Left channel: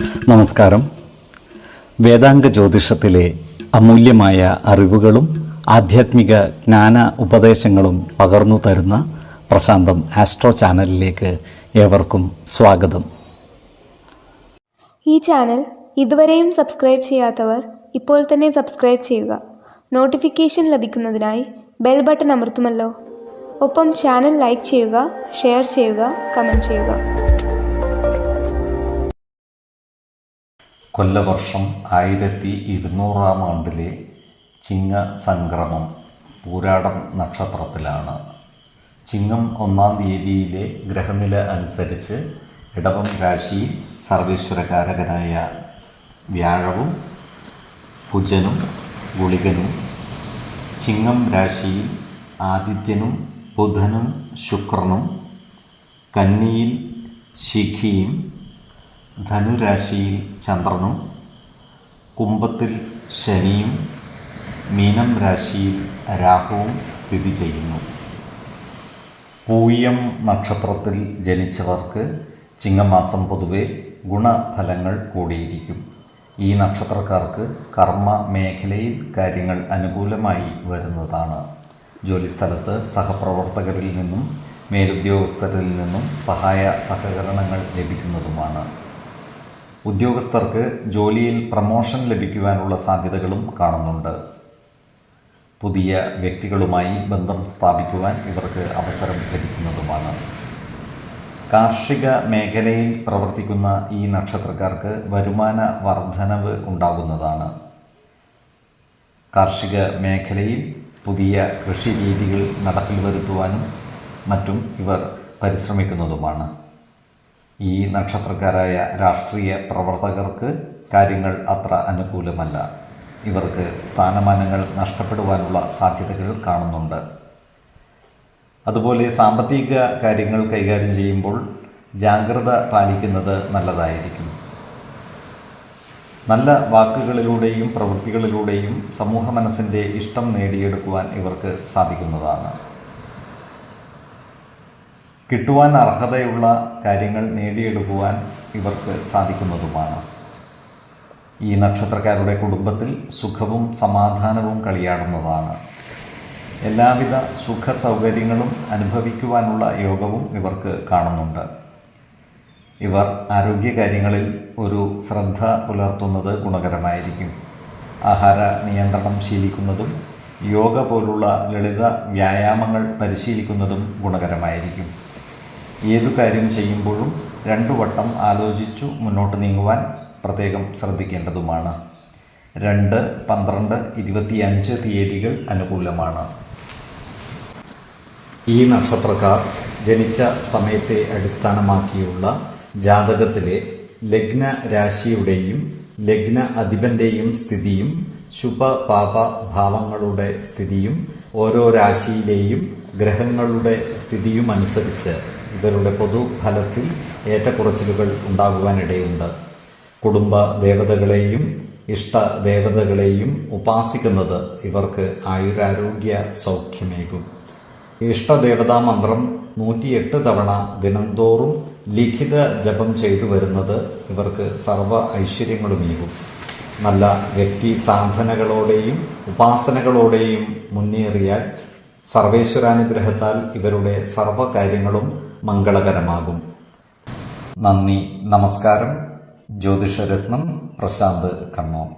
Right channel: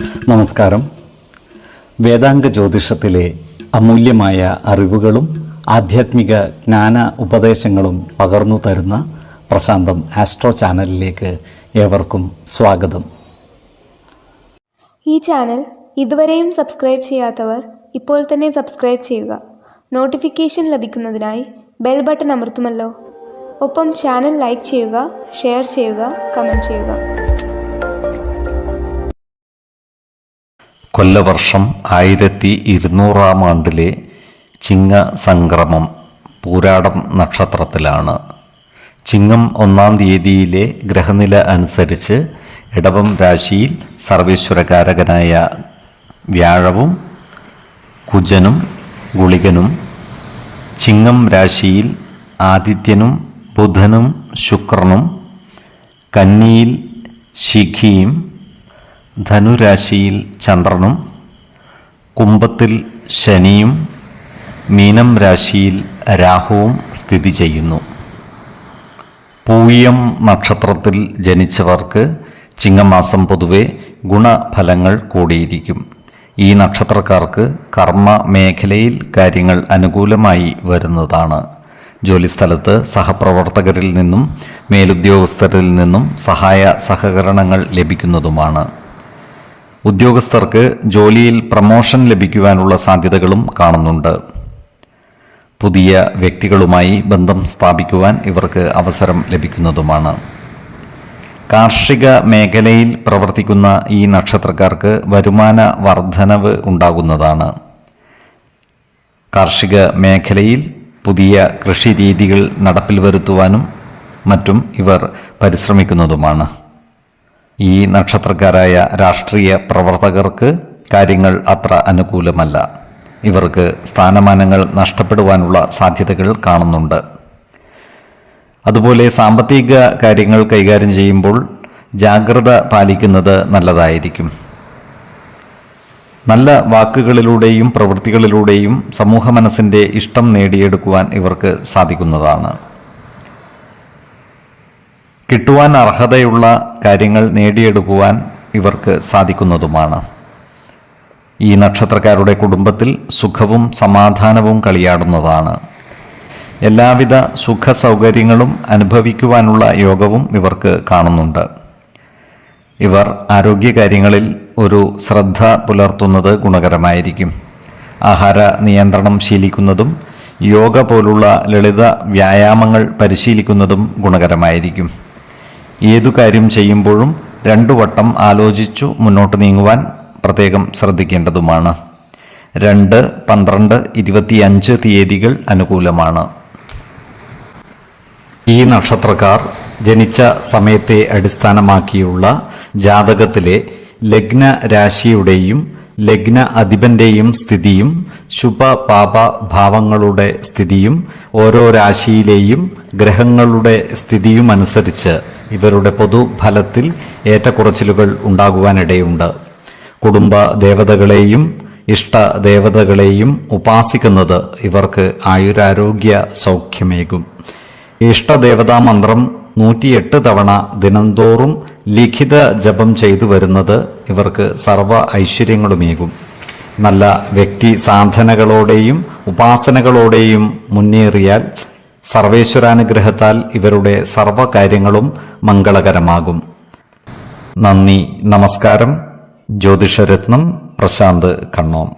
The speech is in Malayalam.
നമസ്കാരം. വേദാംഗ ജ്യോതിഷത്തിലെ അമൂല്യമായ അറിവുകളും ആധ്യാത്മിക ജ്ഞാന ഉപദേശങ്ങളും പകർന്നു തരുന്ന പ്രശാന്തം ആസ്ട്രോ ചാനലിലേക്ക് ഏവർക്കും സ്വാഗതം. ഈ ചാനൽ ഇതുവരെയും സബ്സ്ക്രൈബ് ചെയ്യാത്തവർ ഇപ്പോൾ തന്നെ സബ്സ്ക്രൈബ് ചെയ്യുക. നോട്ടിഫിക്കേഷൻ ലഭിക്കുന്നതിനായി ബെൽ ബട്ടൺ അമർത്തുമല്ലോ. ഒപ്പം ചാനൽ ലൈക്ക് ചെയ്യുക, ഷെയർ ചെയ്യുക, കമൻറ്റ് ചെയ്യുക. കൊല്ലവർഷം 1200 ആണ്ടിലെ ചിങ്ങ സംക്രമം പൂരാടം നക്ഷത്രത്തിലാണ്. ചിങ്ങം 1-ാം തീയതിയിലെ ഗ്രഹനില അനുസരിച്ച് ഇടവം രാശിയിൽ സർവേശ്വരകാരകനായ വ്യാഴവും കുജനും ഗുളികനും, ചിങ്ങം രാശിയിൽ ആദിത്യനും ബുധനും ശുക്രനും, കന്നിയിൽ ശിഖിയും, ധനുരാശിയിൽ ചന്ദ്രനും, കുംഭത്തിൽ ശനിയും, മീനം രാശിയിൽ രാഹുവും സ്ഥിതി ചെയ്യുന്നു. പൂയം നക്ഷത്രത്തിൽ ജനിച്ചവർക്ക് ചിങ്ങമാസം പൊതുവെ ഗുണഫലങ്ങൾ കൂടിയിരിക്കും. ഈ നക്ഷത്രക്കാർക്ക് കർമ്മ മേഖലയിൽ കാര്യങ്ങൾ അനുകൂലമായി വരുന്നതാണ്. ജോലിസ്ഥലത്ത് സഹപ്രവർത്തകരിൽ നിന്നും മേലുദ്യോഗസ്ഥരിൽ നിന്നും സഹായ സഹകരണങ്ങൾ ലഭിക്കുന്നതുമാണ്. ഉദ്യോഗസ്ഥർക്ക് ജോലിയിൽ പ്രമോഷൻ ലഭിക്കുവാനുള്ള സാധ്യതകളും കാണുന്നുണ്ട്. പുതിയ വ്യക്തികളുമായി ബന്ധം സ്ഥാപിക്കുവാൻ ഇവർക്ക് അവസരം ലഭിക്കുന്നതുമാണ്. കാർഷിക മേഖലയിൽ പ്രവർത്തിക്കുന്ന ഈ നക്ഷത്രക്കാർക്ക് വരുമാന വർധനവ് ഉണ്ടാകുന്നതാണ്. കാർഷിക മേഖലയിൽ പുതിയ കൃഷി രീതികൾ നടപ്പിൽ വരുത്തുവാനും മറ്റും ഇവർ പരിശ്രമിക്കുന്നതുമാണ്. ഈ നക്ഷത്രക്കാരായ രാഷ്ട്രീയ പ്രവർത്തകർക്ക് കാര്യങ്ങൾ അത്ര അനുകൂലമല്ല. ഇവർക്ക് സ്ഥാനമാനങ്ങൾ നഷ്ടപ്പെടുവാനുള്ള സാധ്യതകൾ കാണുന്നുണ്ട്. അതുപോലെ സാമ്പത്തിക കാര്യങ്ങൾ കൈകാര്യം ചെയ്യുമ്പോൾ ജാഗ്രത പാലിക്കുന്നത് നല്ലതായിരിക്കും. നല്ല വാക്കുകളിലൂടെയും പ്രവൃത്തികളിലൂടെയും സമൂഹ മനസ്സിൻ്റെ ഇഷ്ടം നേടിയെടുക്കുവാൻ ഇവർക്ക് സാധിക്കുന്നതാണ്. കിട്ടുവാൻ അർഹതയുള്ള കാര്യങ്ങൾ നേടിയെടുക്കുവാൻ ഇവർക്ക് സാധിക്കുന്നതുമാണ്. ഈ നക്ഷത്രക്കാരുടെ കുടുംബത്തിൽ സുഖവും സമാധാനവും കളിയാടുന്നതാണ്. എല്ലാവിധ സുഖ സൗകര്യങ്ങളും അനുഭവിക്കുവാനുള്ള യോഗവും ഇവർക്ക് കാണുന്നുണ്ട്. ഇവർ ആരോഗ്യകാര്യങ്ങളിൽ ഒരു ശ്രദ്ധ പുലർത്തുന്നത് ഗുണകരമായിരിക്കും. ആഹാര നിയന്ത്രണം ശീലിക്കുന്നതും യോഗ പോലുള്ള ലളിത വ്യായാമങ്ങൾ പരിശീലിക്കുന്നതും ഗുണകരമായിരിക്കും. ഏതു കാര്യം ചെയ്യുമ്പോഴും 2 വട്ടം ആലോചിച്ചു മുന്നോട്ട് നീങ്ങുവാൻ പ്രത്യേകം ശ്രദ്ധിക്കേണ്ടതുമാണ്. 2, 12, 25 തീയതികൾ അനുകൂലമാണ്. ഈ നക്ഷത്രക്കാർ ജനിച്ച സമയത്തെ അടിസ്ഥാനമാക്കിയുള്ള ജാതകത്തിലെ ലഗ്ന രാശിയുടെയും ലഗ്ന അധിപന്റെയും സ്ഥിതിയും ശുഭ പാപ ഭാവങ്ങളുടെ സ്ഥിതിയും ഓരോ രാശിയിലെയും ഗ്രഹങ്ങളുടെ സ്ഥിതിയും അനുസരിച്ച് ഇവരുടെ പൊതുഫലത്തിൽ ഏറ്റക്കുറച്ചിലുകൾ ഉണ്ടാകുവാനിടയുണ്ട്. കുടുംബ ദേവതകളെയും ഇഷ്ട ദേവതകളെയും ഉപാസിക്കുന്നത് ഇവർക്ക് ആയുരാരോഗ്യ സൗഖ്യമേകും. ഇഷ്ടദേവതാ മന്ത്രം 108 തവണ ദിനംതോറും ലിഖിത ജപം ചെയ്തു വരുന്നത് ഇവർക്ക് സർവ ഐശ്വര്യങ്ങളുമേകും. നല്ല വ്യക്തി സാധനകളോടെയും ഉപാസനകളോടെയും മുന്നേറിയാൽ സർവേശ്വരാനുഗ്രഹത്താൽ ഇവരുടെ സർവകാര്യങ്ങളും മംഗളകരമാകും. നന്ദി, നമസ്കാരം. ജ്യോതിഷരത്നം പ്രശാന്ത് കണ്ണോം.